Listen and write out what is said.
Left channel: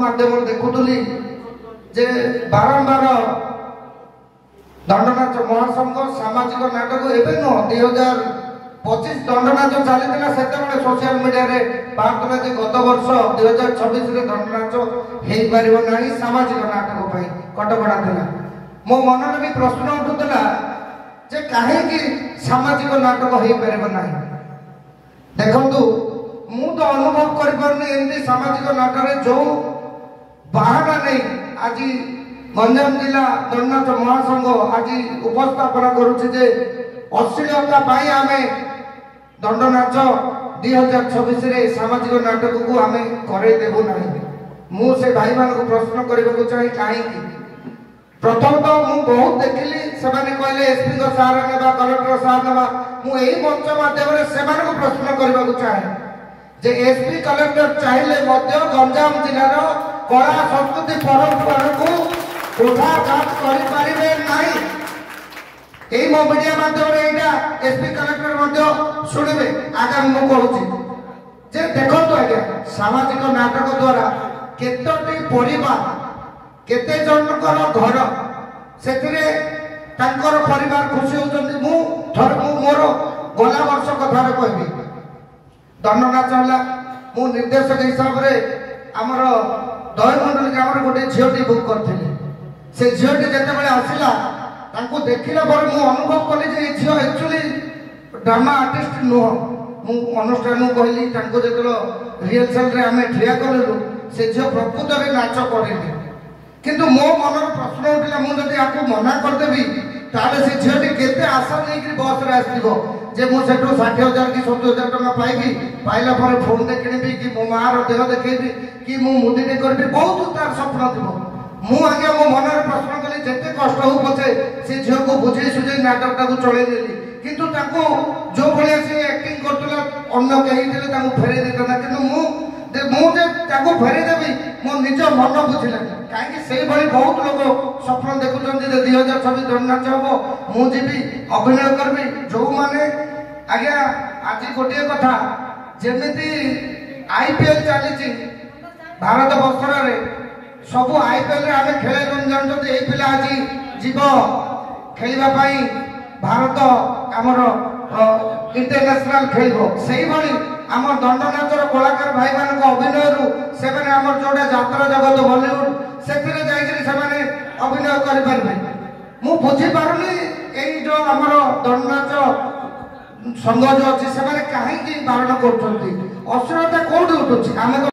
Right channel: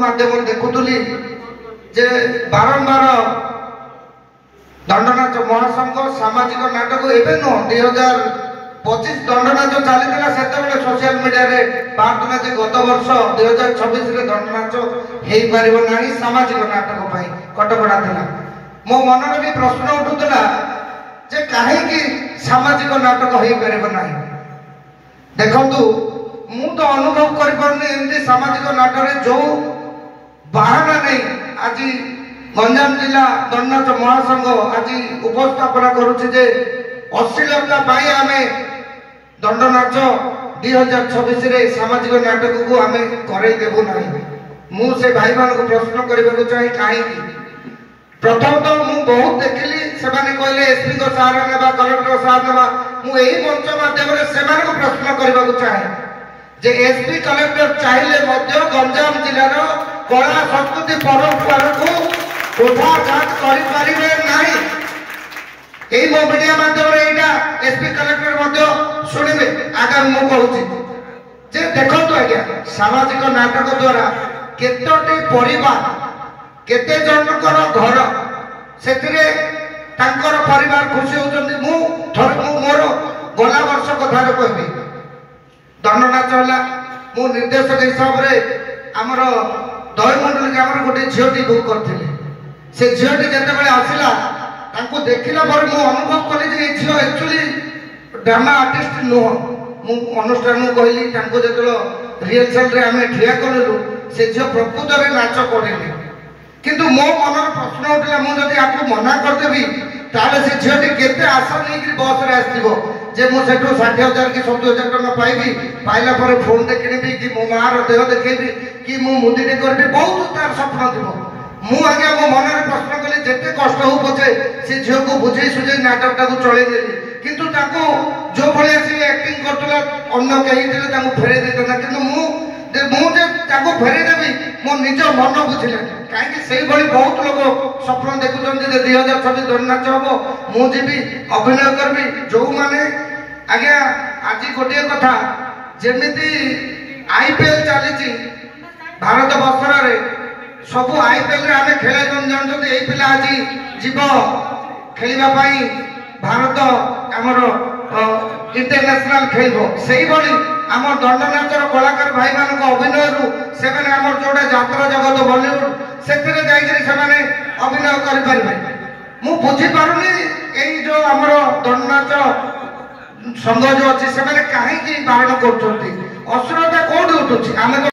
माध्यम देखुली जे बारंबार दंडनाच महासंघ सामाजिक नाटक एवं नुह 2025 दंडनाच चली से सोशल मीडिया रे बाहर जे गत वर्ष 2026 दंडनाच हो पार ना सामाजिक नाटक कटकड़ा था। मो मन में भी प्रश्न उठूला जे कहीं सामाजिक नाटक हो पार ना। देखु मु तो अनुभव कर सामाजिक नाटक जो बाहाना नहीं आज गंजाम जिला दंडनाच महासंघ आज उपस्थापना करुचे अश्लीलता आम दंडनाच 2026 सामाजिक नाटक को आम करदेबू ना। मुझे भाई मान को प्रश्न करने चाहे कहीं प्रथम तो मुझे बहुत देखिली से कहले एसपी को सार नेबा कलेक्टर सार नेबा मुझे मंच माध्यम से प्रश्न करने को चाहे जे एसपी कलेक्टर चाहिए गंजाम जिलार कला संस्कृति परंपरा को उठाघात करें ना। यही मो मीडिया माध्यम एसपी कलेक्टर शुणे आगामी मु कहूँ देखो आज्ञा सामाजिक नाटक द्वारा केतोटी परिवार केते जनकर घर से परिवार खुशी होती। मोर गला वर्ष कथा कहबी दंडनाच है मु निर्देशक हिसाब से आमर दहीमंडल ग्राम गोटे झीटी बुक करते से झीटी जिते आसला देखला पर मु अनुभव कली जे झील एक्चुअली ड्रामा आर्टिस्ट नुह मु अनुष्ठान कहली जो रिहर्सल आम ठिया कलु से झील प्रकृत में नाच करेनि किंतु मो मन प्रश्न उठला मुझे आपको मना करदेवी ताले से झीटी केते आशा नहीं बस रे आसो जे मु सेठू 60,000 कि 70,000 टका पाइबी पाइला पर फोन देखी कि मो मार देह देखेबी कि मु मुदीटे करबी बहुत तार स्वप्न थी। मु आगे मो मन प्रश्न कली जिते कष्ट हो पचे से झील को बुझे सुझे नाटक टाक चलदेली किंतु जो भाया सी एक्टिंग करतला अन्य कहीं फेरे देता कि मुझे फेरीदेवी मो निज मन बुझिला कहीं से बहुत लोग स्वप्न देखुं 2026 दंडनाच हम मुझे अभिनय करी जो मैंने आज्ञा आज गोटे कथा जमी आईपीएल चली भारत वर्ष सब आईपीएल आम खेल जानते ये पिला आज जीव खेलवाई भारत आमर इंटरनेशनल खेल से आम दंडनाचर कलाकार भाई मान अभिनय से जोड़ा यात्रा जगत बॉलीवुड से अभिनय करें मु बुझीपारे यही जो आम दंडनाच संघ जो अच्छी से कहीं बारण कर अश्लीलता कौटी उठुची आम